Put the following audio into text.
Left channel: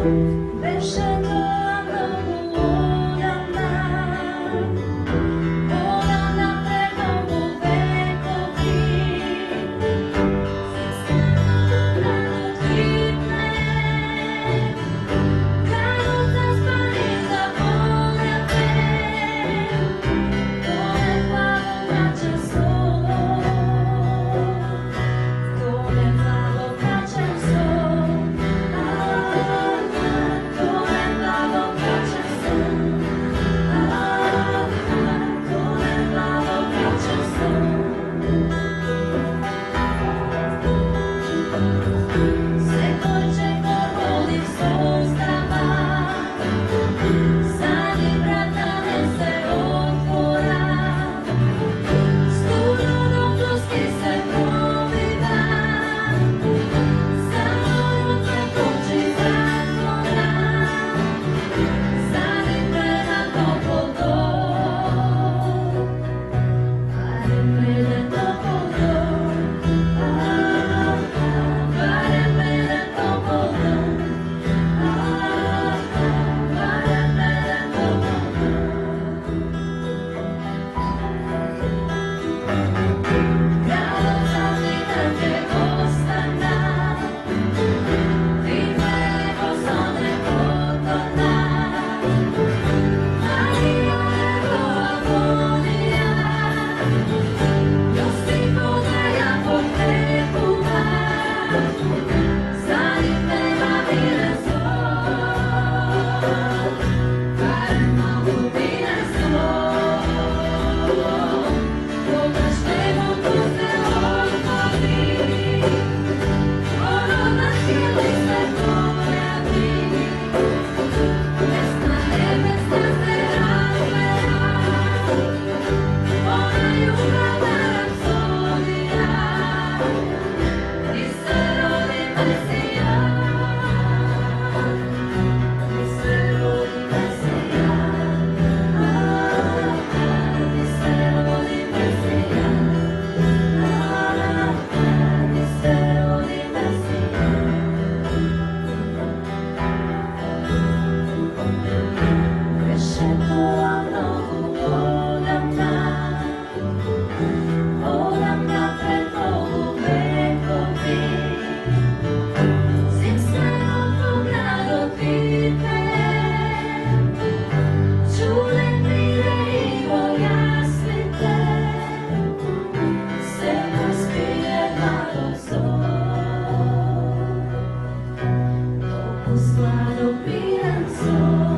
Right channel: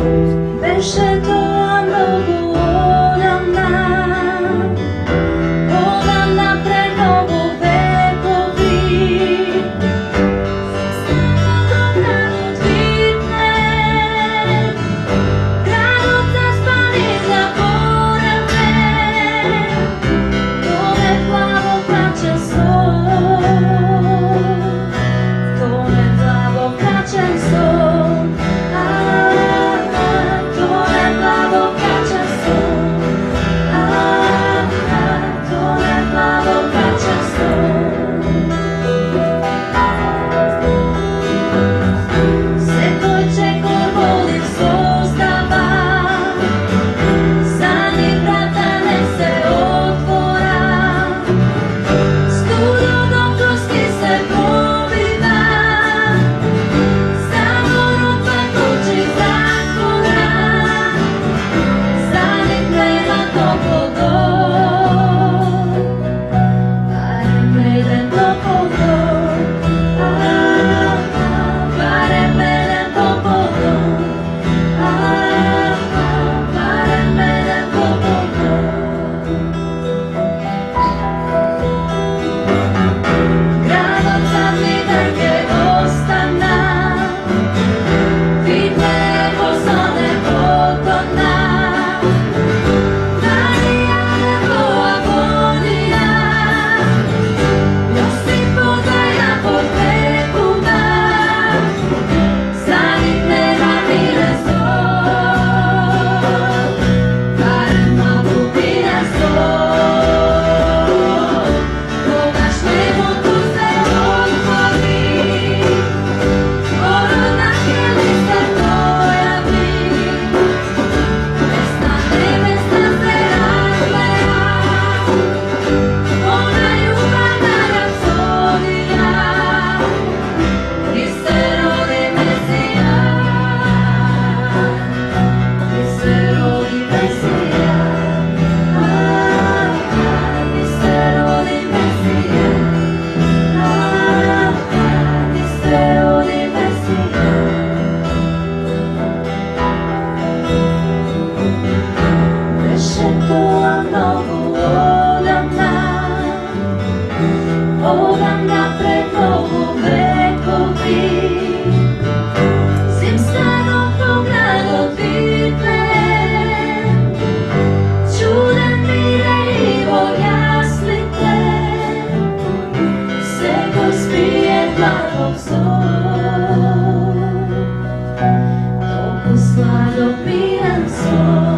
Беше тоа многу одамна пред многу векови. Станото градот видне, градот заспан и заборен бе. Тоне плаво крачен сон, тоне плаво крачен сон. Odamna pred mnogo vekovi, zimstano gradot vidne, čuden mire i jasnite, sego spije blagog zon, toku sladog miran son.